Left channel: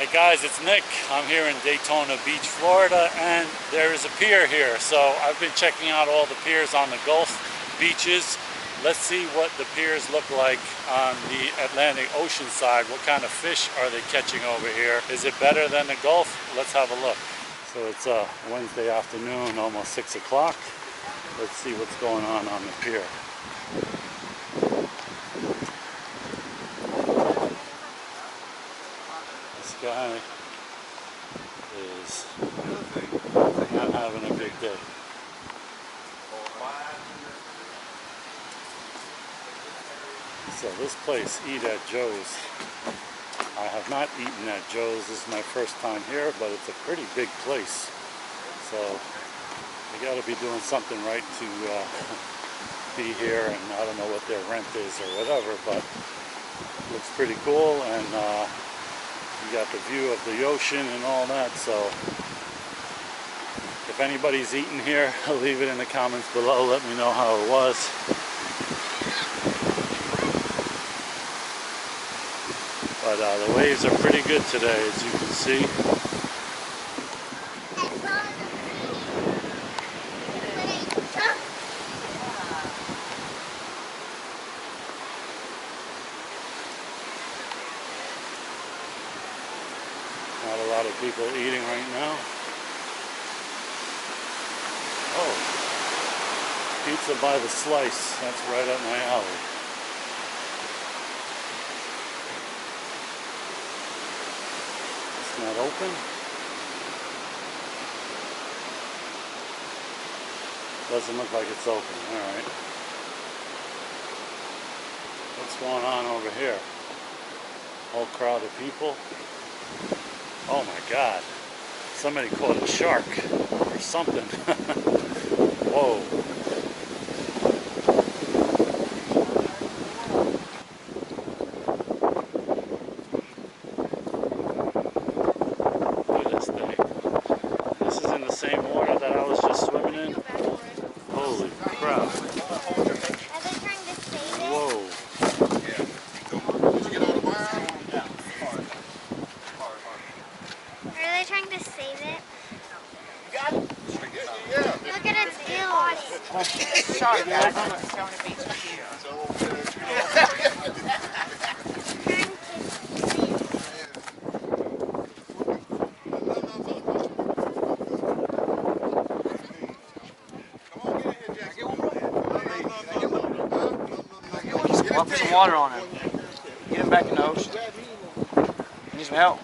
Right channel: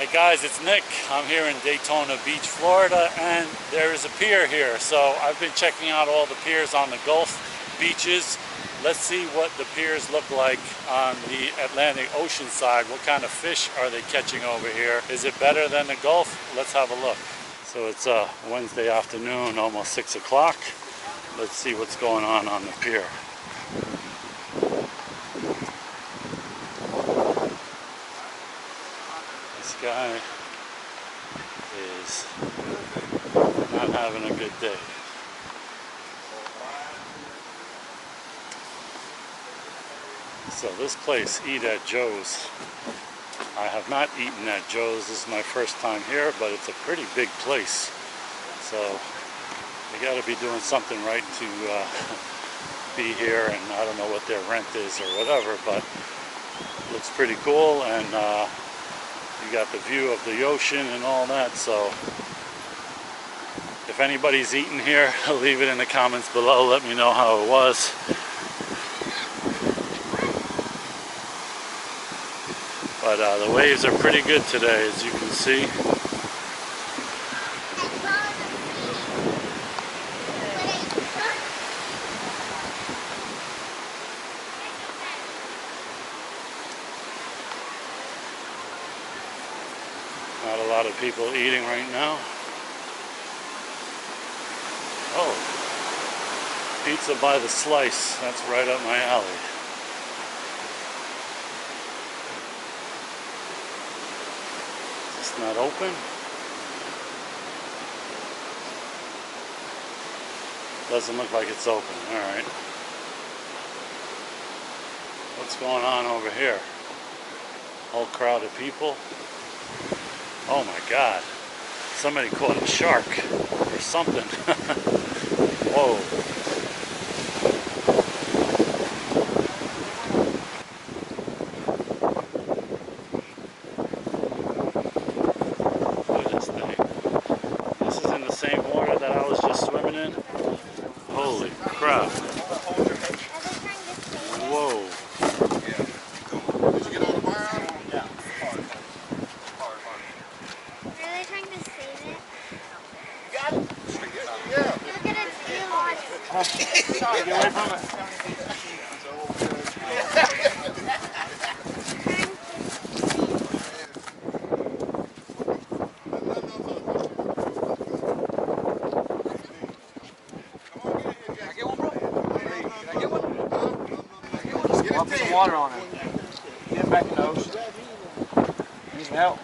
Hey guys, it's Nick. I'm here in Daytona Beach, Florida, and there is a pier here. So I've been checking out all the piers on the Gulf beaches. Let's see what the piers look like on the Atlantic Ocean side. What kind of fish are they catching over here? Is it better than the Gulf? Let's have a look. So it's Wednesday afternoon, almost 6 o'clock. Let's see what's going on the pier. This guy is not having a good day. So this place, Eat at Joe's. I have not eaten at Joe's. This is my first time here, but it's a pretty big place. So they got to be doing something right to be here, and I don't know what their rent is or whatever, but it looks pretty cool, and you got the view of the ocean and all that. So if anybody's eaten here, leave it in the comments below. Let me know how it was. But the waves are pretty good today, as you can see. Not a lot of people eating right now. Oh, pizza by the slice. That's right up my alley. It's not open. Doesn't look like it's open. All right. What's going on over here? Whole crowd of people. Oh my God. Somebody caught a shark or something. Whoa. Look at this thing. This is in the same water that I was just swimming in. Holy crap. Whoa. Did you get on the bar? Yeah. Are they trying to save it? You got it? Yeah. Look at its gills. Sorry, get away from it. I'll put some water on it. Get him back in the ocean. Need some help?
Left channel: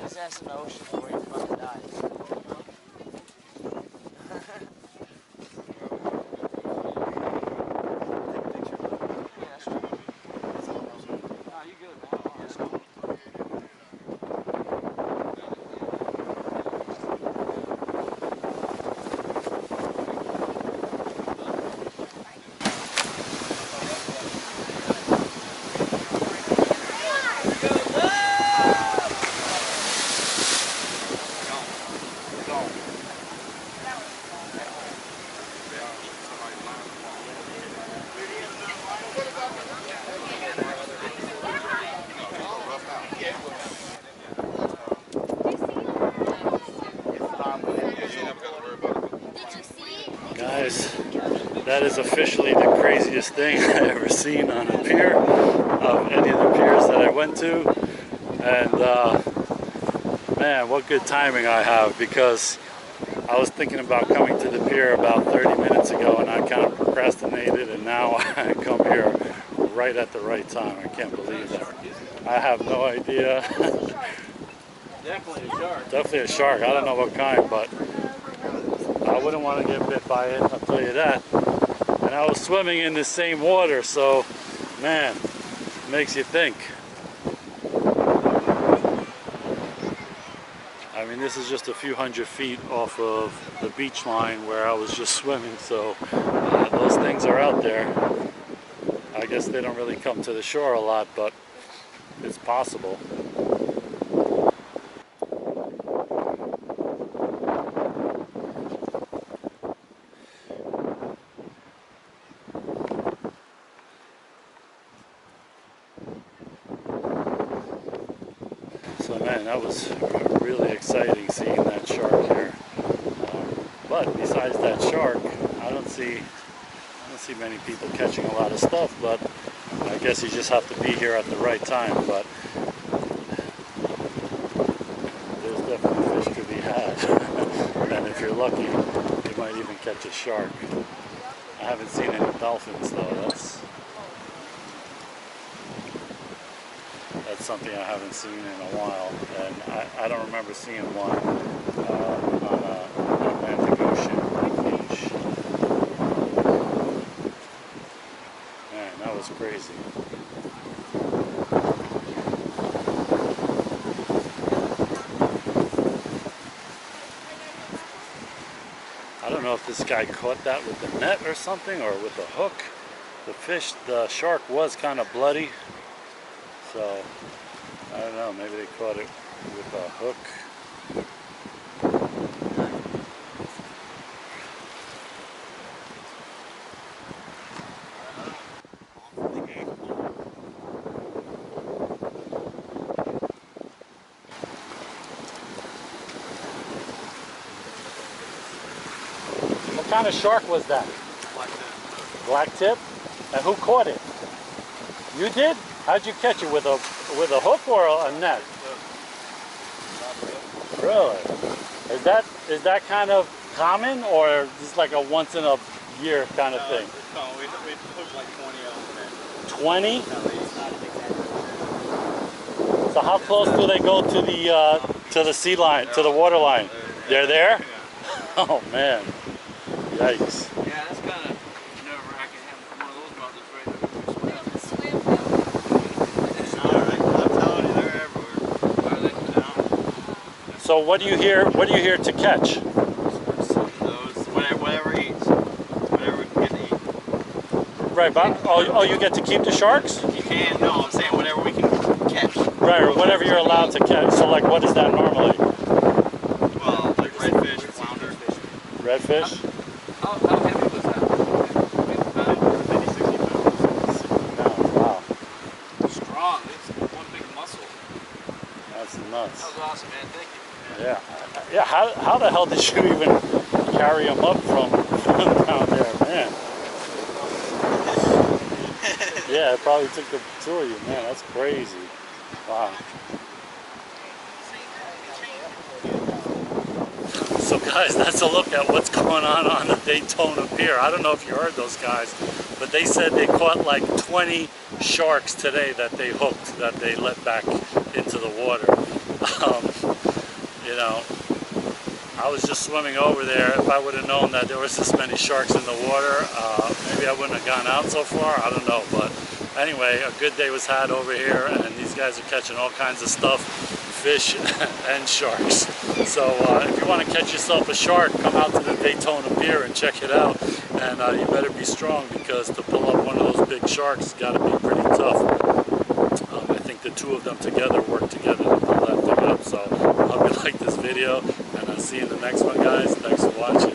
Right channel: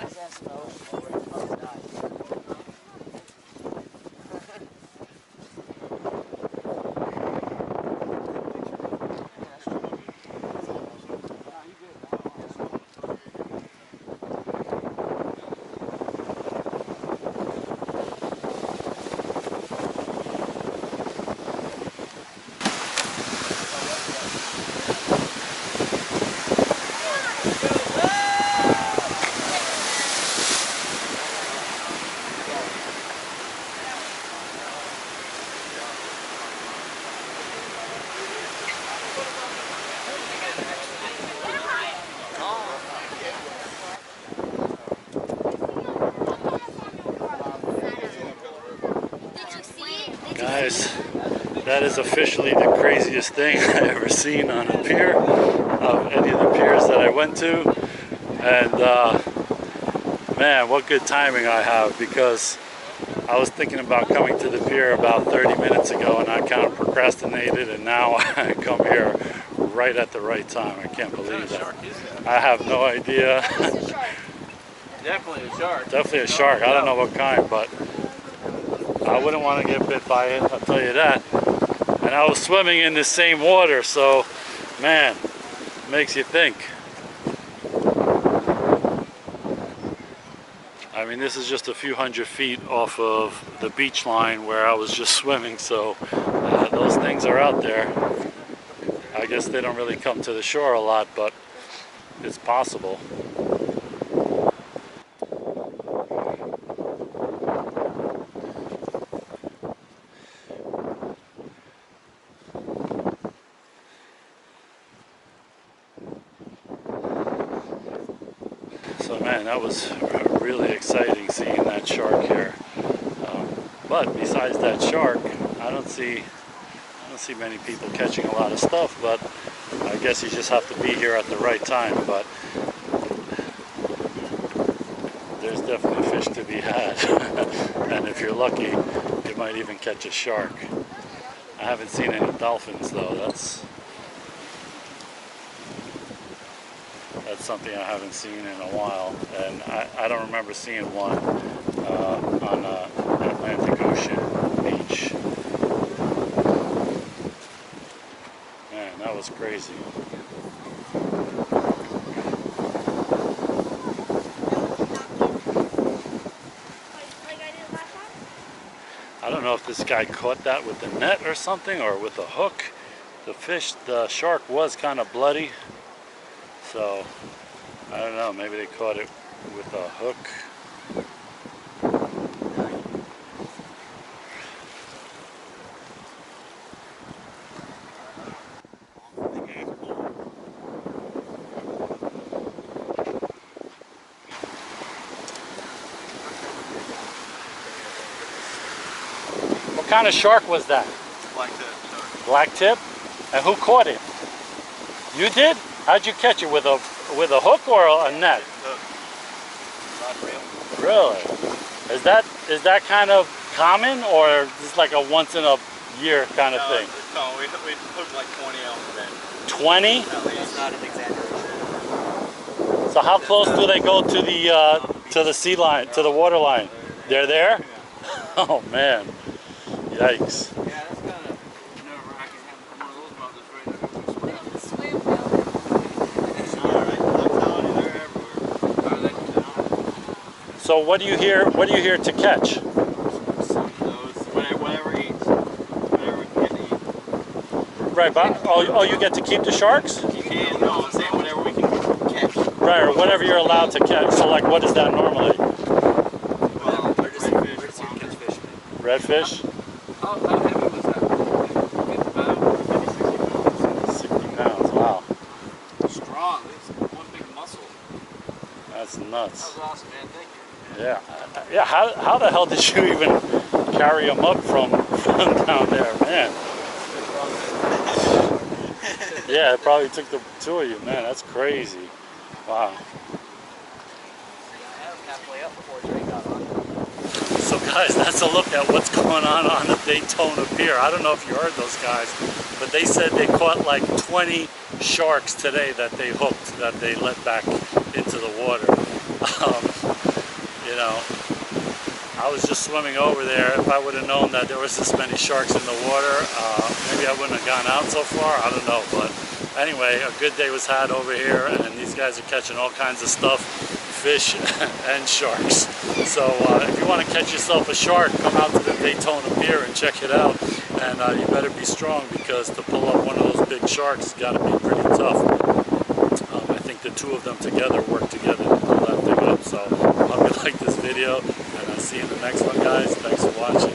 His ass in the ocean before he fucking dies. Take a picture. Yeah, that's right. Nah, you good, man. That's cool. Guys, that is officially the craziest thing I ever seen on a pier, of any of the piers that I went to. And man, what good timing I have, because I was thinking about coming to the pier about 30 minutes ago and I kind of procrastinated, and now I come here right at the right time. I can't believe that. I have no idea. Definitely a shark. Definitely a shark. I don't know what kind, but I wouldn't want to get bit by it, I'll tell you that. And I was swimming in the same water, so man, makes you think. I mean, this is just a few hundred feet off of the beach line where I was just swimming, so those things are out there. I guess they don't really come to the shore a lot, but it's possible. So man, that was really exciting seeing that shark here. But besides that shark, I don't see many people catching a lot of stuff, but I guess you just have to be here at the right time. But there's definitely fish to be had. And if you're lucky, you might even catch a shark. I haven't seen any dolphins though. That's something I haven't seen in a while, and I don't remember seeing one on Atlantic Ocean beach. Man, that was crazy. I don't know if this guy caught that with the net or something, or with a hook. The shark was kind of bloody. So, I don't know, maybe they caught it with a hook. What kind of shark was that? Black tip. Black tip? And who caught it? You did? How'd you catch it? With a hook or a net? Not real. Really? Is that kind of common, or just like a once in a year kind of thing? No, we hooked like 20 of them then. 20? That's not an exaggeration. So how close do they go to the sea line, to the water line? They're there? Yeah. Oh man. Yikes. Yeah, that's kind of nerve-wracking having one of those mountains right there. We swim. Alright, I'm telling you, they're everywhere. Are they? So what do you hear to catch? Those, whatever eats. Whatever we can get to eat. Right, but oh, you get to keep the sharks? You can, no, I'm saying whatever we can catch. Right, or whatever you're allowed to catch. So like, what is that normally? Well, like redfish, flounder. Redfish? How heavy was that? 50 pounds? 50, 60 pounds. 60 pounds, wow. Strong. It's one big muscle. That's That nuts. was awesome, man. Thank you. Yeah, how the hell did you even carry them up from down there, man? Yeah, it probably took the two of you, man. That's crazy. Wow. So guys, that's a look at what's going on the Daytona Pier. I don't know if you heard those guys, but they said they caught like 20 sharks today that they hooked, that they let back into the water. You know, I was just swimming over there. If I would have known that there was this many sharks in the water, maybe I wouldn't have gone out so far. I don't know, but anyway, a good day was had over here, and these guys are catching all kinds of stuff, fish and sharks. So if you want to catch yourself a shark, come out to the Daytona Pier and check it out. And you better be strong, because to pull up one of those big sharks has got to be pretty tough. I think the two of them together work together to pull that thing up. So I hope you like this video, and I'll see you in the next one, guys. Thanks for watching.